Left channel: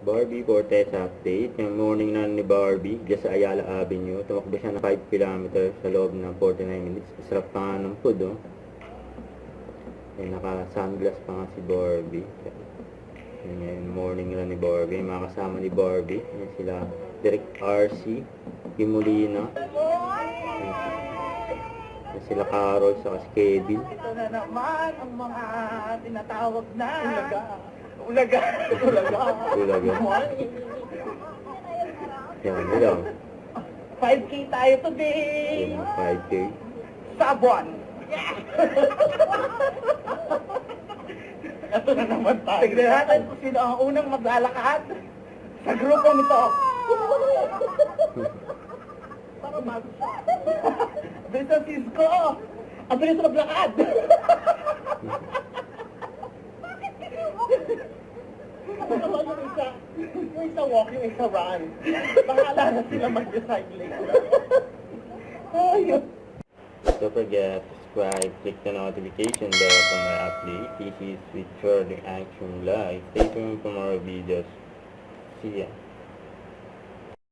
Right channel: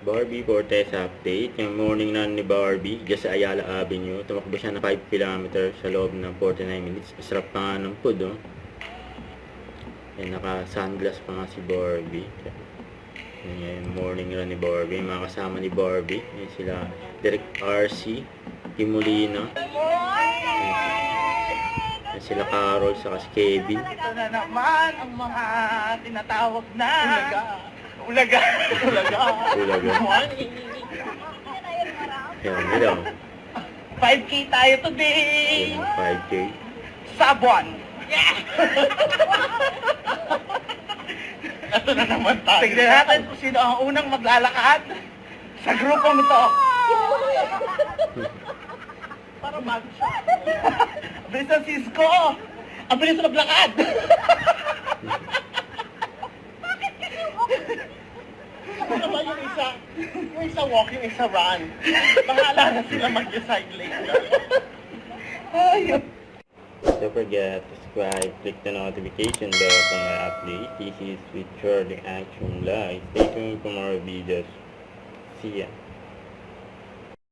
Barbie Cortez update. Yung morning na ni Barbie, dyan sa Ayala Avenue. Tumakbo siya na 5 km sa loob ng 49 minutes. Sarap pa nga ng food, oh. Yan, naka-sunglass pa nga si Barbie. Yan yung morning run ni Barbie. Yung mga kasama ni Barbie. Yan sila, Direk RC, Timolina. Yan sila Carol, saka si Kevin. Ito na naman ang mga tinatawag na Ulaga. Ulaga. Yan, nila. 5K tayo today. Yan, 5K. Sabuan. Ito na naman tayo. Tignan natin kung sino ang unang maglalakad sa grupong ito. Para bago siya. Abilis ang Cisco. Abilis na maglakad. Naman yung isa walk, yung isa run. Bahala na sila mag-decide later. Ayun. Don't forget to subscribe, click the notification bell for my update. This is with Trending Action Live. Stay tuned for more videos. See ya.